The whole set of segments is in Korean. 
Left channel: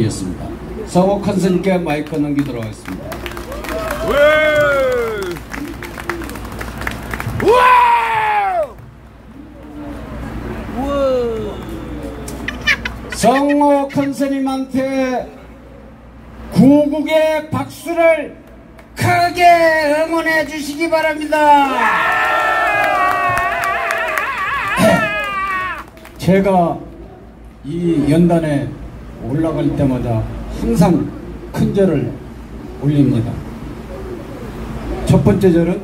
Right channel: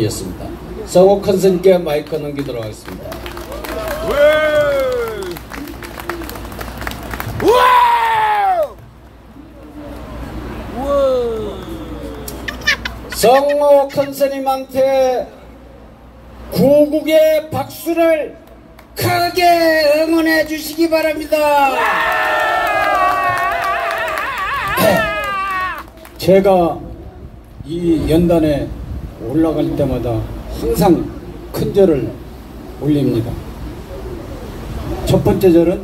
판이었습니다. 서고 컨설께 마이크 넘기도록 하겠습니다. 성호 컨설님한테 구국의 박수를 크게 응원해 주시기 바랍니다. 제가 이 연단에 올라갈 때마다 항상 큰 절을 올립니다. 첫 번째 절은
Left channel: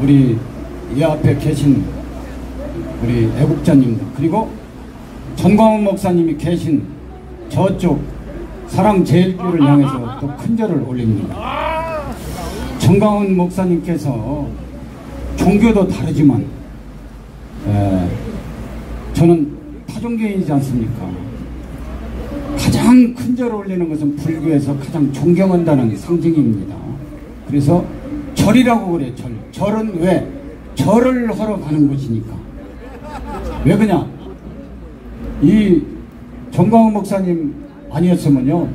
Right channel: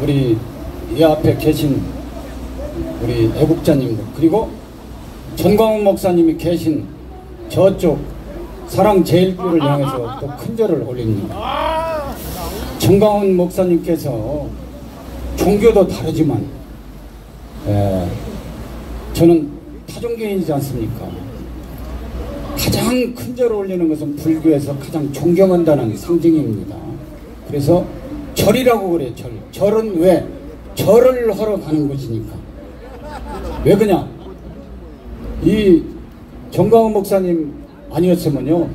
우리 이 앞에 계신 우리 애국자님들, 그리고 전광훈 목사님이 계신 저쪽 사랑제일교를 향해서 또 큰 절을 올립니다. 전광훈 목사님께서 종교도 다르지만 저는 타종교인이지 않습니까? 가장 큰 절을 올리는 것은 불교에서 가장 존경한다는 상징입니다. 그래서 절이라고 그래요. 절은 왜? 절을 하러 가는 것이니까. 왜 그냥 이 전광훈 목사님 아니었으면요,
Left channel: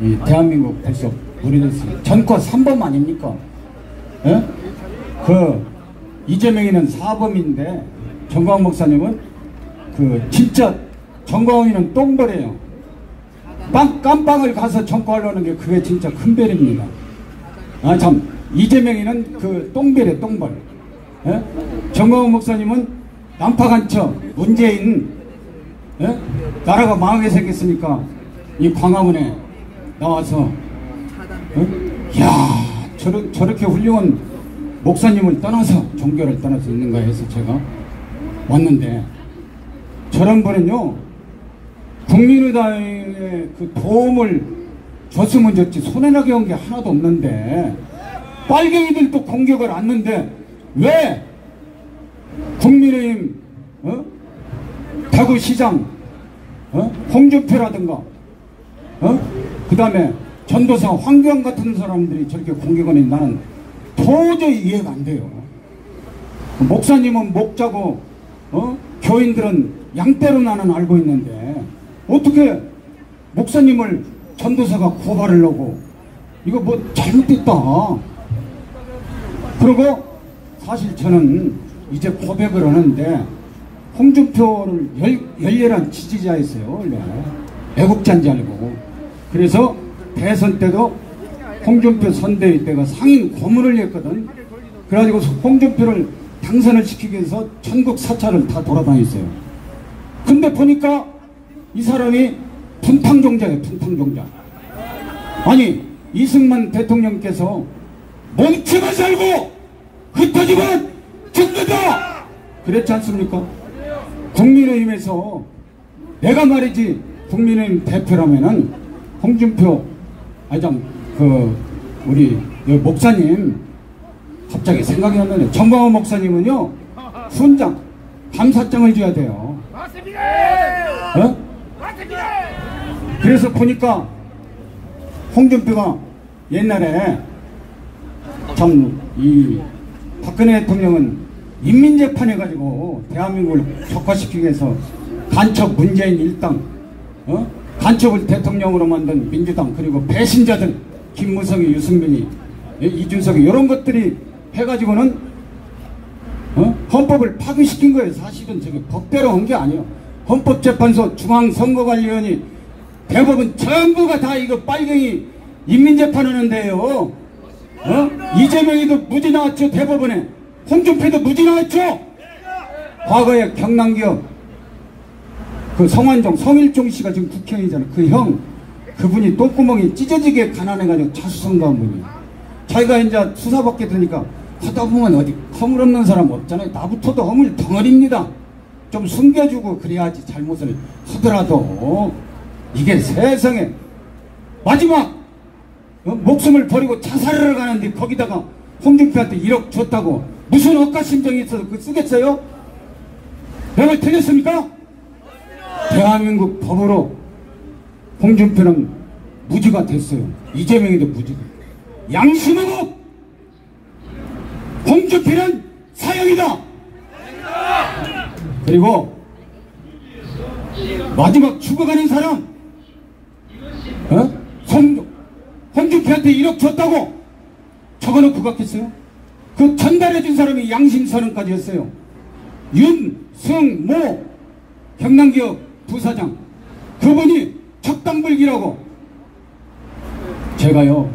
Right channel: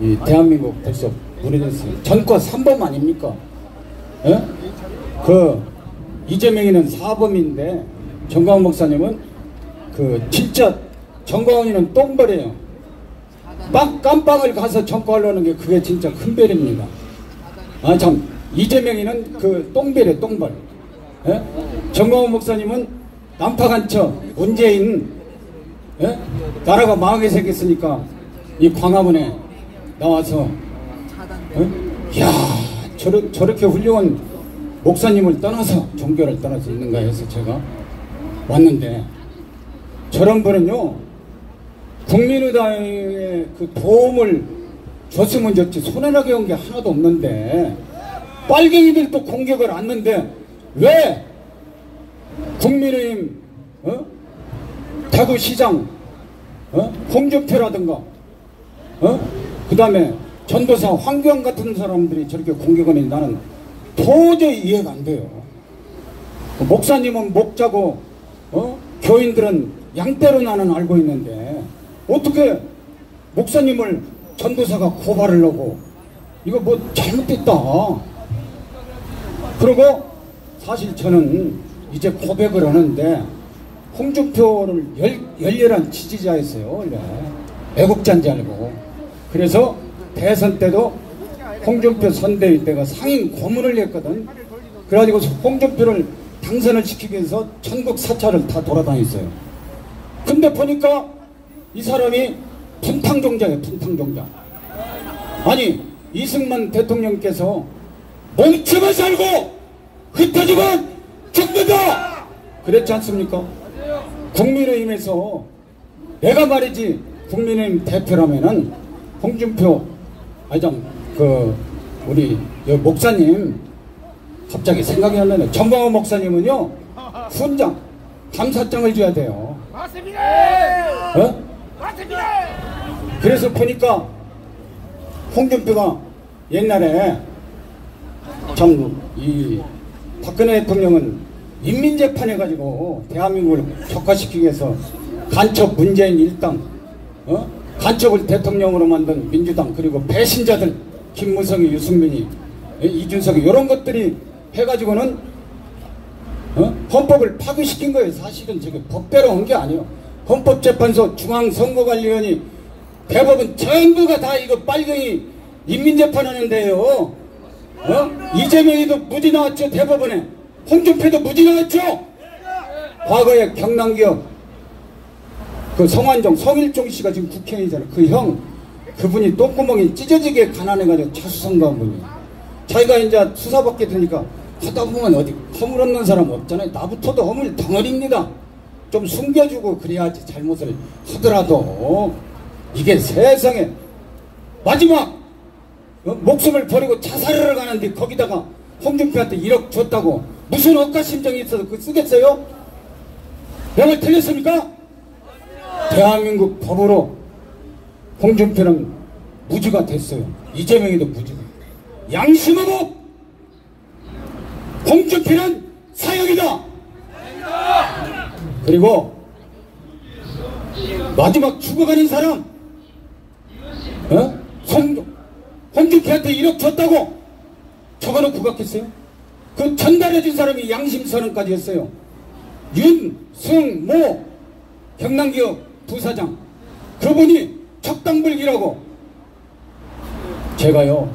이 대한민국 벌써 모르겠어요. 전과 3범 아닙니까? 예? 그 이재명이는 4범인데 전광훈 목사님은 그 진짜 전광훈이는 똥벌이에요. 깜빵을 가서 전과하려는 게 그게 진짜 큰 별입니다. 아 참, 이재명이는 그 똥별이에요, 똥벌. 예? 전광훈 목사님은 난파간처 문재인, 예? 나라가 망하게 생겼으니까 이 광화문에 나와서 야 저렇게 훌륭한 목사님을 떠나서 종교를 떠나서 있는가 해서 제가 왔는데, 저런 분은요 국민의당에 그 도움을 줬으면 좋지 손해나게 한 게 하나도 없는데 빨갱이들도 공격을 안는데 왜 국민의힘 대구시장 홍준표라든가 그 다음에 전도사 황교안 같은 사람들이 저렇게 공격하니 나는 도저히 이해가 안 돼요. 목사님은 목자고 교인들은 양떼로 나는 알고 있는데 어떻게 목사님을 전도사가 고발을 하고, 이거 뭐 잘못됐다. 그리고 사실 저는 이제 고백을 하는데 홍준표를 열렬한 지지자였어요. 네. 애국자인지 알고. 그래서 대선 때도 홍준표 선대위 때가 상임 고문을 했거든. 그래가지고 홍준표를 당선을 시키기 위해서 전국 사찰을 다 돌아다녔어요. 근데 보니까 이 사람이 분탕종자예요. 분탕종자. 아니 이승만 대통령께서 멈추면 살고 흩어지면 죽는다 그랬지 않습니까? 국민의힘에서 내가 말이지 국민의힘 대표라면은 홍준표 우리 목사님 갑자기 생각이 안 나네. 전광훈 목사님은요 훈장 감사장을 줘야 돼요. 맞습니다. 그래서 보니까 홍준표가 옛날에 참 이 박근혜 대통령은 인민재판해가지고 대한민국을 격화시키기 위해서 간첩 문재인 일당, 간첩을 대통령으로 만든 민주당, 그리고 배신자들 김무성이, 유승민이, 이준석이 이런 것들이 해가지고는 헌법을 파기시킨 거예요. 사실은 저게 법대로 한 게 아니에요. 헌법재판소, 중앙선거관리위원회, 대법원 전부가 다 이거 빨갱이 인민재판하는데요. 이재명이도 무죄 나왔죠. 대법원에. 홍준표도 무죄 나왔죠. 과거에 경남기업 그 성완종, 성일종 씨가 지금 국회의원이잖아요. 그 형, 그분이 똥구멍이 찢어지게 가난해가지고 자수성가한 분이에요. 자기가 이제 수사받게 되니까 하다 보면 어디 허물 없는 사람 없잖아요. 나부터도 허물 덩어리입니다. 좀 숨겨주고 그래야지 잘못을 하더라도. 이게 세상에 마지막 목숨을 버리고 자살을 가는데 거기다가 홍준표한테 1억 줬다고 무슨 억가심정이 있어서 그거 쓰겠어요? 내가 틀렸습니까? 대한민국 법으로 홍준표는 무죄가 됐어요. 이재명이도 무죄가. 양심하고 홍준표는 사형이다. 그리고 마지막 죽어가는 사람 홍준표한테 1억 줬다고 적어놓고 갔겠어요? 그 전달해준 사람이 양심선언까지 했어요. 윤승모 경남기업 부사장, 그분이 적당불기라고. 제가요,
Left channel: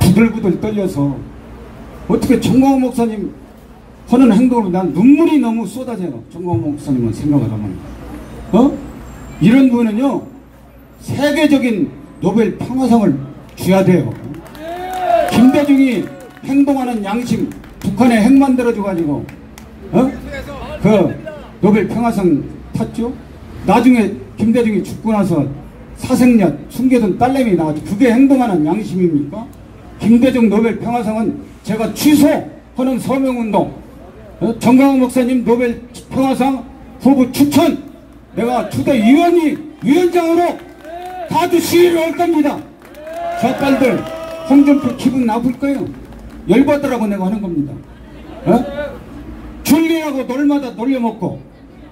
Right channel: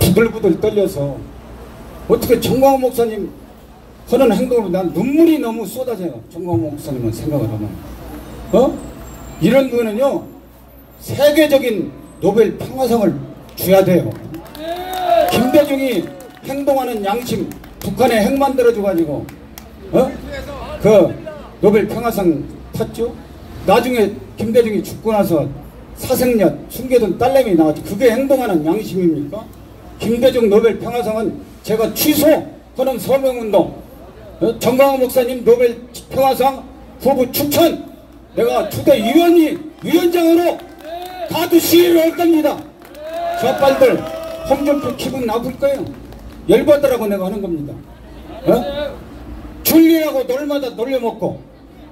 부들부들 떨려서 어떻게 정광훈 목사님 하는 행동을, 난 눈물이 너무 쏟아져요. 정광훈 목사님은 생각을 하면. 이런 분은요, 세계적인 노벨 평화상을 줘야 돼요. 김대중이 행동하는 양심, 북한에 핵 만들어줘가지고, 그 노벨 평화상 탔죠? 나중에 김대중이 죽고 나서 사생녀 숨겨둔 딸내미 나왔죠. 그게 행동하는 양심입니까? 김대중 노벨 평화상은 제가 취소하는 서명운동, 정광훈 목사님 노벨 평화상 후보 추천, 내가 주대 위원장으로 가도 시위를 할 겁니다. 저 빨들 홍준표 기분 나쁠 거예요. 열받으라고 내가 하는 겁니다. 줄리하고 놀마다 놀려먹고,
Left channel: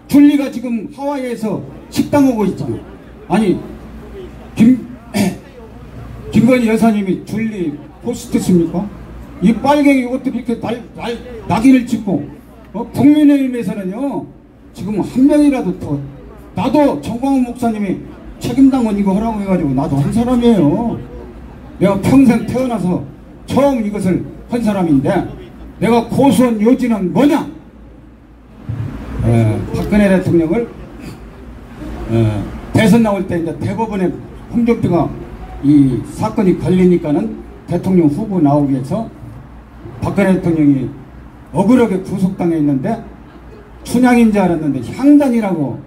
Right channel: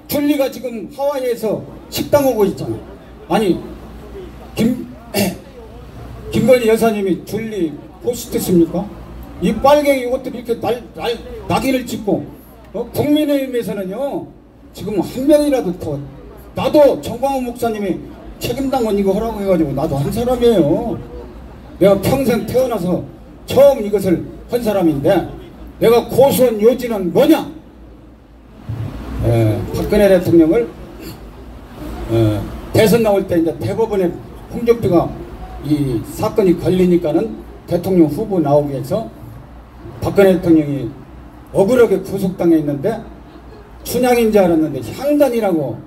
줄리가 지금 하와이에서 식당 오고 있잖아. 아니 김건희 여사님이 줄리 호스트십니까? 이 빨갱이 이것들이 이렇게 낙인을 찍고, 국민의힘에서는요 지금 한 명이라도 더, 나도 정광훈 목사님이 책임당 건 이거 하라고 해가지고 나도 한 사람이에요. 내가 평생 태어나서 처음 이것을 한 사람인데, 내가 고수한 요지는 뭐냐? 박근혜 대통령을 대선 나올 때 이제 대법원에 홍준표가 이 사건이 걸리니까는 대통령 후보 나오기 위해서 박근혜 대통령이 억울하게 구속당해 있는데, 춘향인 줄 알았는데 향단이라고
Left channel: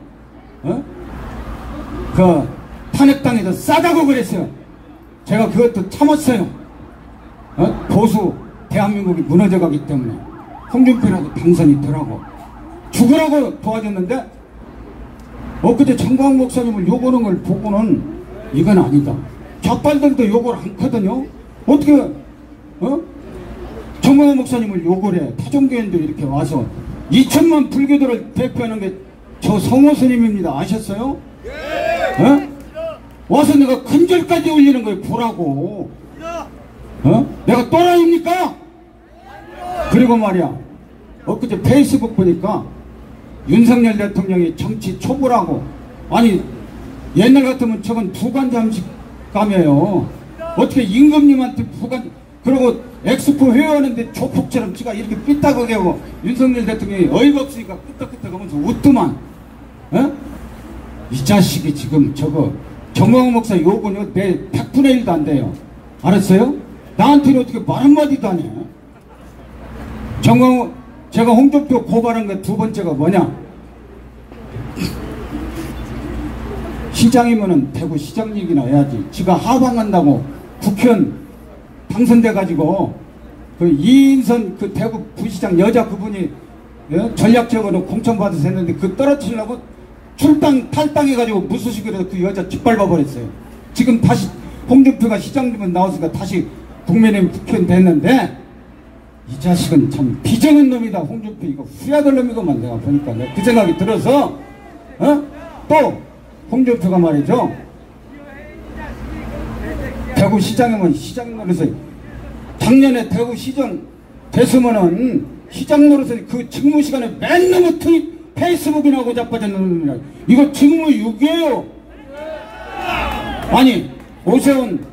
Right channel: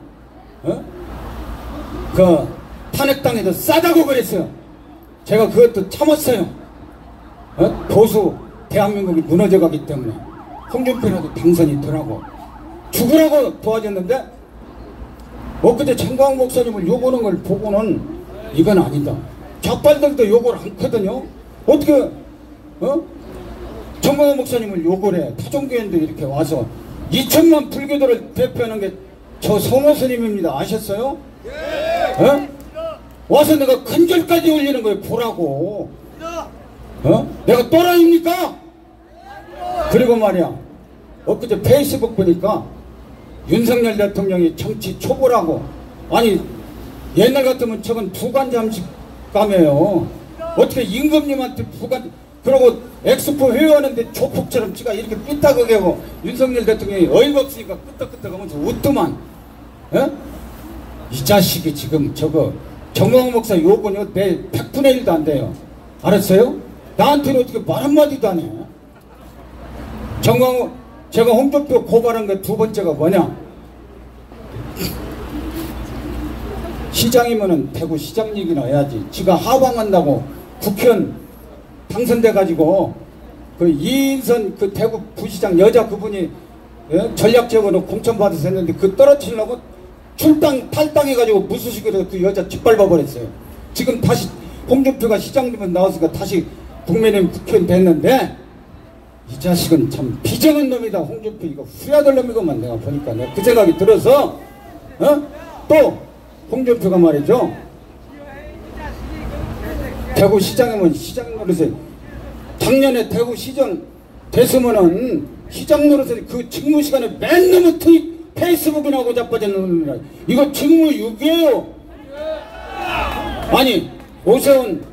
그 탄핵당해서 싸다고 그랬어요. 제가 그것도 참았어요. 보수 대한민국이 무너져가기 때문에 홍준표라도 당선이 되라고 죽으라고 도와줬는데, 엊그제 정광훈 목사님을 욕하는 걸 보고는 이건 아니다. 좌빨들도 욕을 않거든요. 어떻게 정광훈 목사님을 욕을 해? 타종교인들이 이렇게 와서 2천만 불교도를 대표하는 게 저 성호 스님입니다. 아셨어요? 와서 내가 큰절까지 올리는 거예요. 보라고. 내가 또라이입니까? 그리고 말이야, 엊그제 페이스북 보니까 윤석열 대통령이 정치 초보라고. 아니 옛날 같으면 저건 부관잠식감이에요. 어떻게 임금님한테 부관, 그러고 엑스포 회의하는데 조폭처럼 지가 이렇게 삐딱하게 하고, 윤석열 대통령이 어이가 없으니까 끄떡끄떡 하면서 웃더만. 이 자식이 지금 저거 정광훈 목사 욕은 내 100분의 1도 안 돼요. 알았어요? 나한테는 어떻게 말 한마디도 안 해. 정광훈, 제가 홍준표 고발한 거 두 번째가 뭐냐? 시장이면은 대구 시장 얘기나 해야지. 지가 하방한다고 국회의원 당선돼가지고 그 이인선 그 대구 부시장 여자 그분이 전략적으로 공천받아서 했는데, 그 떨어뜨리려고 출당 탈당해가지고 무소식으로 그 여자 짓밟아 버렸어요. 지금 다시 홍준표가 시장 되면 나왔으니까 다시 국민의힘 국회의원 됐는데, 이 자식은 참 비정한 놈이다. 홍준표 이거 후야될 놈이고만 내가 보니까 내가 그 생각이 들어서 또 홍준표가 말이죠, 대구 시장이면 시장 노릇을, 작년에 대구 시장 됐으면은 시장 노릇을 그 직무 시간에 맨 너무 페이스북이나 하고 자빠졌는 놈이라. 이거 직무 유기예요. 아니 오세훈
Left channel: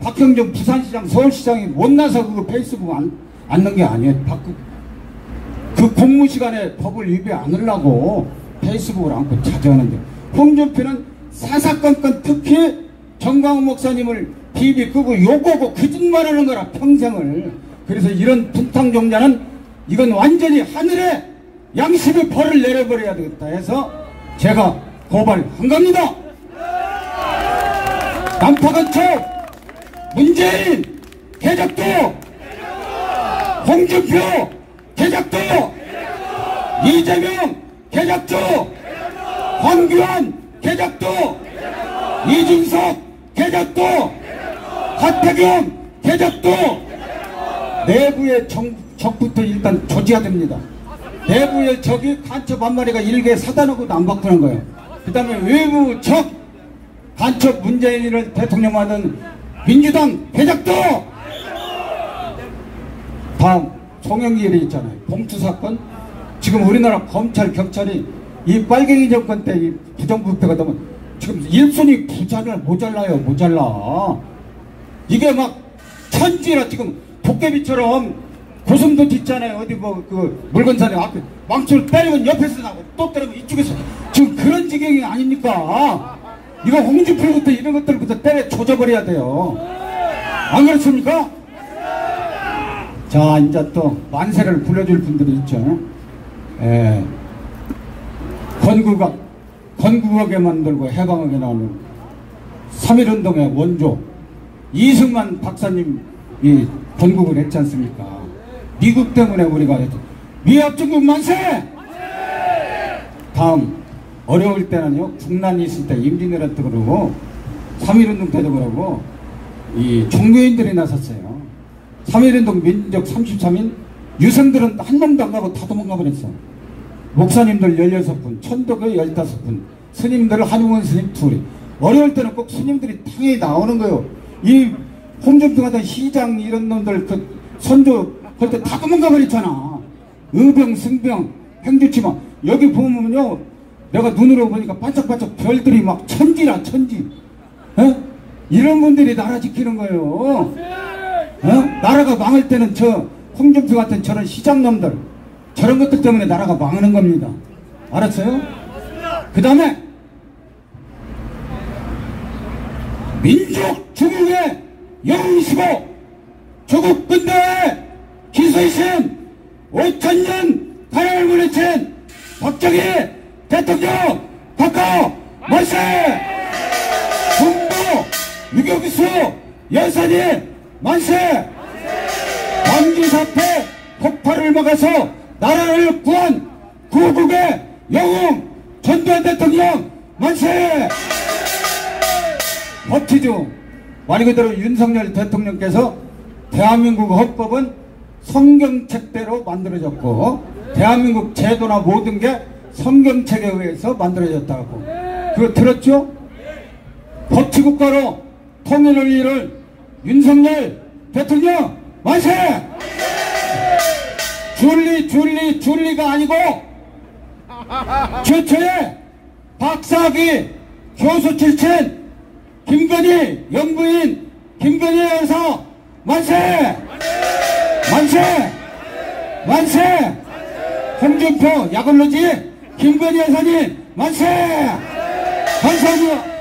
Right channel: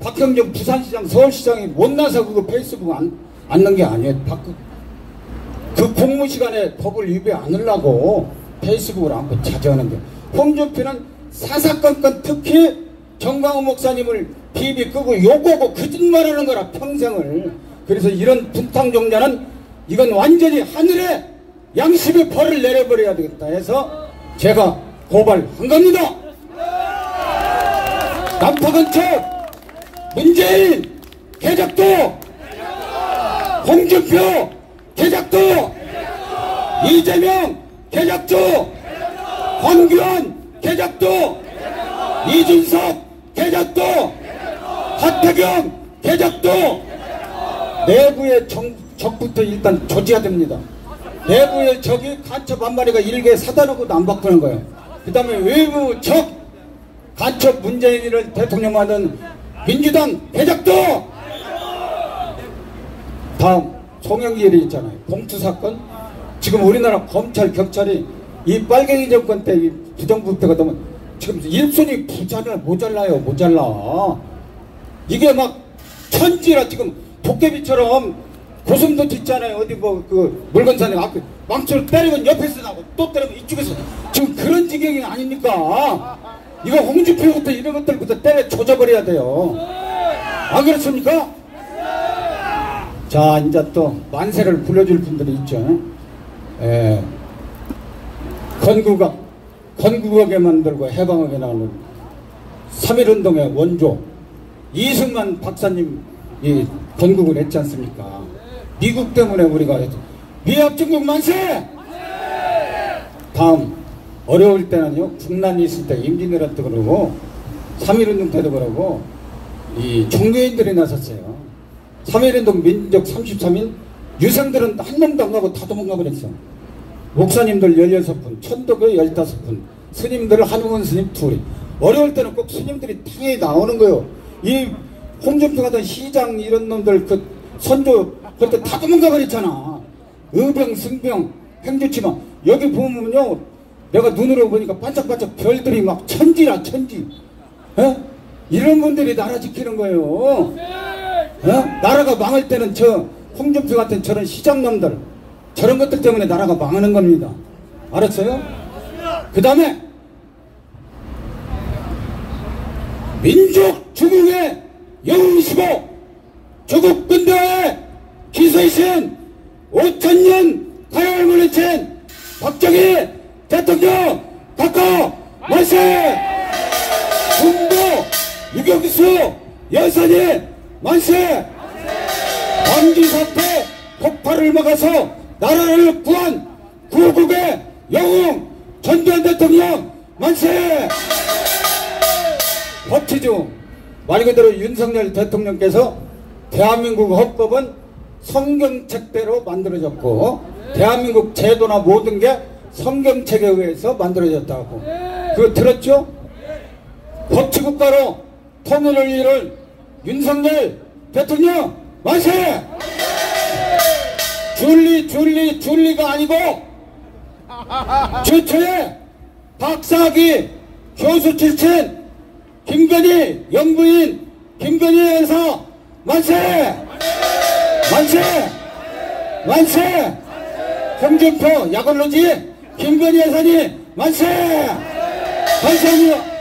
박형정 부산시장 서울시장이 못나서 그거 페이스북 안 넣은 게 아니에요. 그 공무 시간에 법을 위배 안 하려고 페이스북을 안고 자제하는데, 홍준표는 사사건건 특히 정광훈 목사님을 비비 끄고 욕하고 거짓말하는 거라 평생을. 그래서 이런 분탕종자는 이건 완전히 하늘에 양심의 벌을 내려버려야 되겠다 해서 제가 고발한 겁니다. 남파건축 문재인 개작도, 홍준표 개작도, 이재명 개작도, 황교안 개작도, 이준석 개작도, 하태경 개작도. 내부의 적부터 일단 조지해야 됩니다. 내부의 적이 간첩 한 마리가 일개 사단하고도 안 바꾸는 거예요. 그 다음에 외부 적, 간첩 문재인을 대통령 만든 민주당 배작도. 다음 송영길이 있잖아요. 봉투 사건. 지금 우리나라 검찰 경찰이 이 빨갱이 정권 때 이 부정부패가 되면 지금 일손이 모자라요. 모자라. 이게 막 천지라 지금 도깨비처럼 고성도 짓잖아요. 어디 뭐 그 물건산에 앞에 망치를 때리면 옆에서 나고 또 때리면 이쪽에서 지금 그런 지경이 아닙니까? 이거 홍준표부터 이런 것들부터 때려 조져버려야 돼요. 안 그렇습니까? 자, 이제 또 만세를 불러줄 분들이 있죠. 건국하게 만들고 해방하게 나오는 3.1운동의 원조 이승만 박사님이 건국을 했지 않습니까? 미국 때문에 우리가 미합중국 만세! 다음 어려울 때는요, 국난이 있을 때 임진왜란 때 그러고 3.1운동 때도 그러고 이 종교인들이 나섰어요. 3.1운동 민족 33인 유생들은 한 명도 안 가고 다 도망가 버렸어. 목사님들 16분, 천도교 15분, 스님들 한용원 스님 둘이. 어려울 때는 꼭 스님들이 당연히 나오는 거예요. 이 홍준표 같은 시장 이런 놈들 그 선조 그때 다 도망가 버렸잖아. 의병, 승병, 행주치마. 여기 보면요, 내가 눈으로 보니까 반짝반짝 별들이 막 천지라 천지. 이런 분들이 나라 지키는 거예요. 나라가 망할 때는 저 홍준표 같은 저런 시장놈들 저런 것들 때문에 나라가 망하는 겁니다. 알았어요? 그 다음에 민족 주국의 영웅이시고 조국 근대화의 기세이신 5,000년 가나를 물리친 박정희 대통령 각하 만세! 군부 유격수 여사님 만세! 광주사태 폭발을 막아서 나라를 구한 구국의 영웅 전두환 대통령 만세! 법치주 말 그대로 윤석열 대통령께서 대한민국 헌법은 성경책대로 만들어졌고 대한민국 제도나 모든 게 성경책에 의해서 만들어졌다고. 그거 들었죠? 법치국가로 통일을 이룰 윤석열 대통령 만세! 줄리가 아니고 최초의 박사학위 교수 출신 김건희 영부인 김건희 여사 만세! 만세! 만세! 홍준표 약올로지 김건희 여사님 만세! 감사합니다.